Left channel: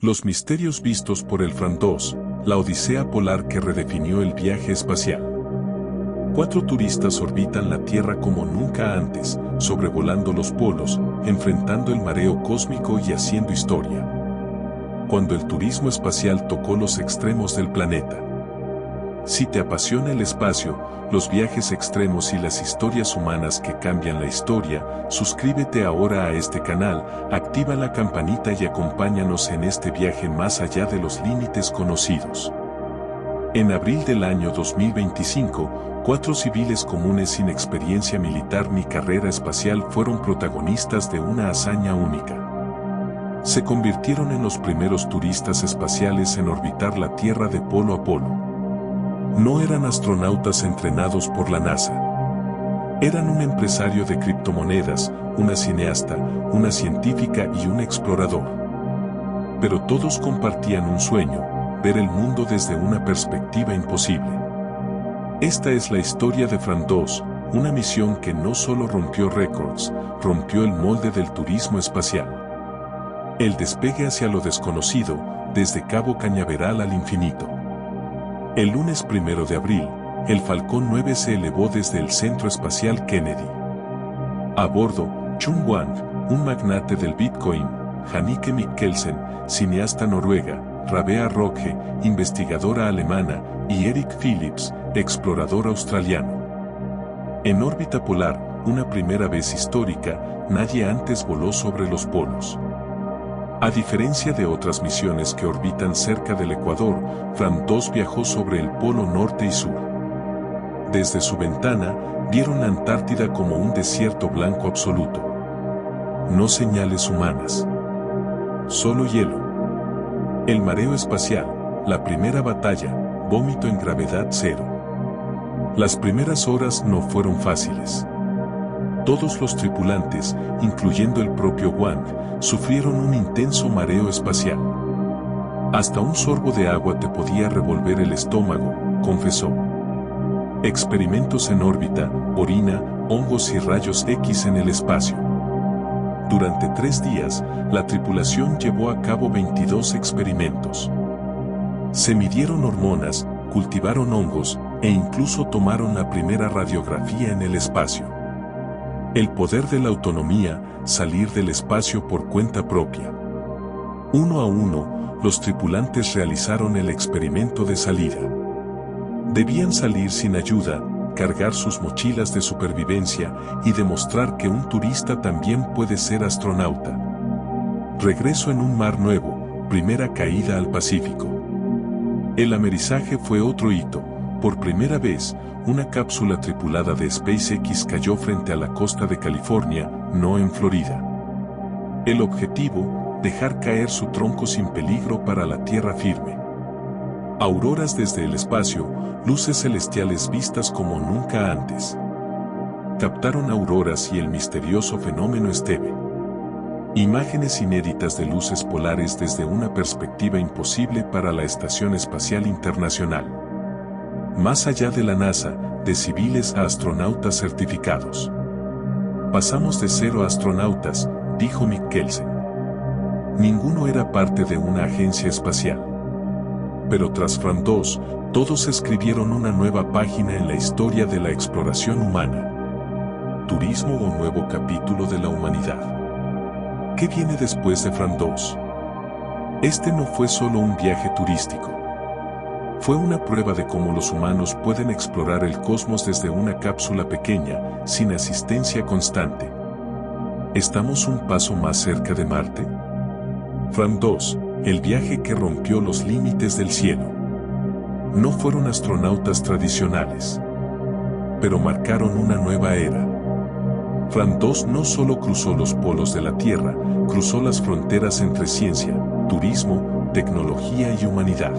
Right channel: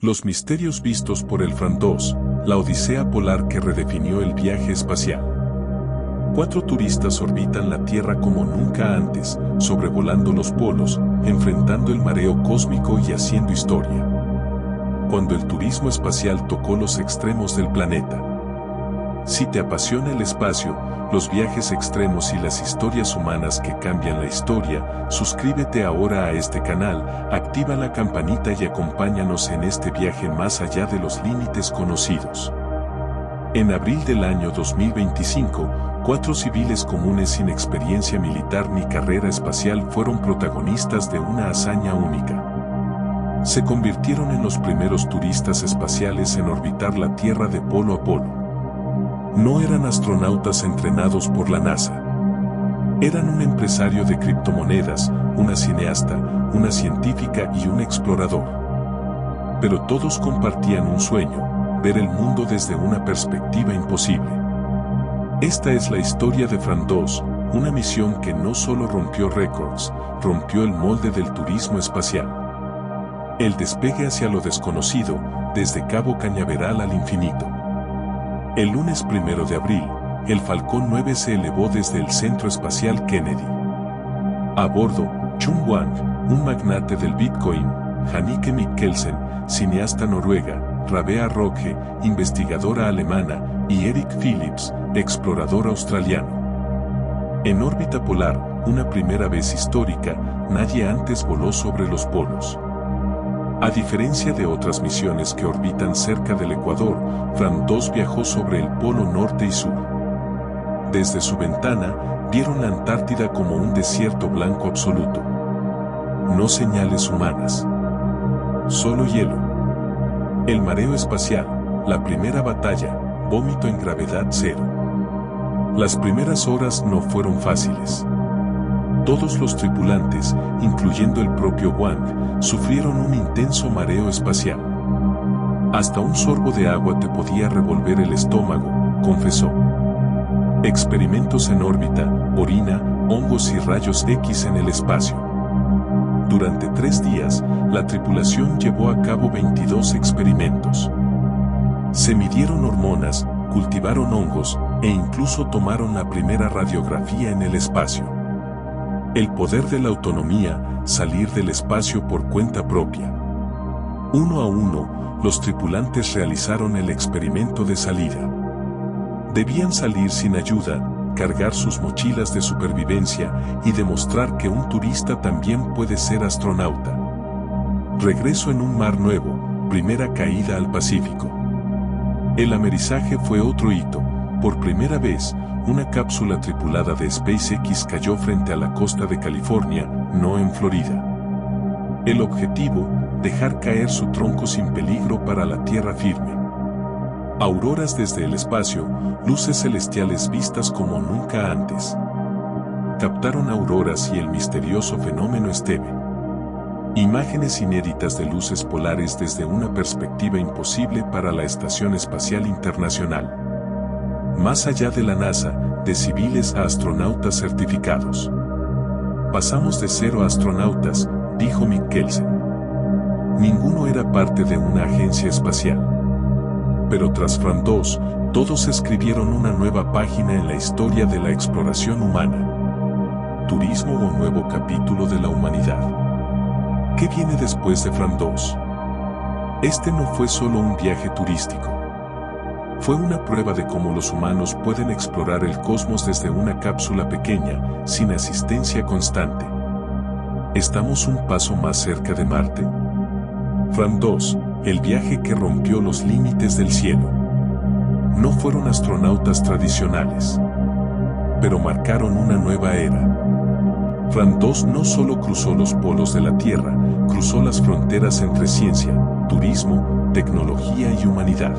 Los misterios vistos por el Fram 2, la odisea polar que redefinió el viaje espacial. 4 turistas orbitan la Tierra como nunca antes, sobrevolando los polos, enfrentando el mareo cósmico y haciendo historia. Cuando el turismo espacial tocó los extremos del planeta. Si te apasiona el espacio, los viajes extremos y las historias humanas que cambian la historia, suscríbete ahora a este canal, activa la campanita y acompáñanos en este viaje más allá de los límites conocidos. En abril del año 2025, 4 civiles comunes sin experiencia militar ni carrera espacial fueron protagonistas de una hazaña única. Se convirtieron en los primeros turistas espaciales en orbitar la Tierra de polo a polo. No eran astronautas entrenados por la NASA. Eran un empresario de criptomonedas, una cineasta, una científica y un explorador. Pero todos compartían un sueño: ver el mundo desde una perspectiva imposible. Esta es la historia de Fram 2, una misión que no solo rompió récords, rompió el molde del turismo espacial. El despegue hacia lo desconocido, desde Cabo Cañaveral al infinito. El lunes 1 de abril, el Falcon 9 se elevó desde el Centro Espacial Kennedy. A bordo, Chung Wang, un magnate del Bitcoin, Hannike Mikkelsen, cineasta noruega, Rabea Rogge, investigadora alemana, y Eric Phillips, explorador australiano. En órbita polar, una primera vez histórica, nadie antes voló sobre los polos. A diferencia de otras misiones que orbitan cerca del Ecuador, Fram 2 viajó sobre el polo norte y sur. Desde su ventana, vieron la Antártida como un desierto blanco absoluto. No señales humanas. Solo hielo. El mareo espacial, la primera batalla, vómito en gravedad cero. Las primeras horas no fueron fáciles. Todos los tripulantes, incluyendo el propio Wang, sufrieron un intenso mareo espacial. Hasta un sorbo de agua te podía revolver el estómago, confesó. Experimentos en órbita, orina, hongos y rayos X en el espacio. Durante 3 días, la tripulación llevó a cabo 22 experimentos. Se midieron hormonas, cultivaron hongos, e incluso tomaron la primera radiografía en el espacio. El poder de la autonomía, salir del espacio por cuenta propia. Uno a uno, los tripulantes realizaron el experimento de salida. Debían salir sin ayuda, cargar sus mochilas de supervivencia y demostrar que un turista también puede ser astronauta. Regreso en un mar nuevo, primera caída al Pacífico. El amerizaje fue otro hito. Por primera vez, una cápsula tripulada de SpaceX cayó frente a la costa de California, no en Florida. El objetivo, dejar caer su tronco sin peligro para la tierra firme. Auroras desde el espacio, luces celestiales vistas como nunca antes. Captaron auroras y el misterioso fenómeno Steve. Imágenes inéditas de luces polares desde una perspectiva imposible para la Estación Espacial Internacional. Más allá de la NASA, de civiles a astronautas certificados. Pasamos de 0 astronautas, dijo Mikkelsen. Ninguno era parte de una agencia espacial. Pero tras Fram 2, todos escribieron una nueva página en la historia de la exploración humana. Turismo o nuevo capítulo de la humanidad. ¿Qué viene después de Fram 2? Este no fue solo un viaje turístico. Fue una prueba de cómo los humanos pueden explorar el cosmos desde una cápsula pequeña, sin asistencia constante. ¿Estamos un paso más cerca de Marte? Fram 2, el viaje que rompió los límites del cielo. No fueron astronautas tradicionales, pero marcaron una nueva era. Fram 2 no solo cruzó los polos de la Tierra, cruzó las fronteras entre ciencia, turismo, tecnología y humanidad.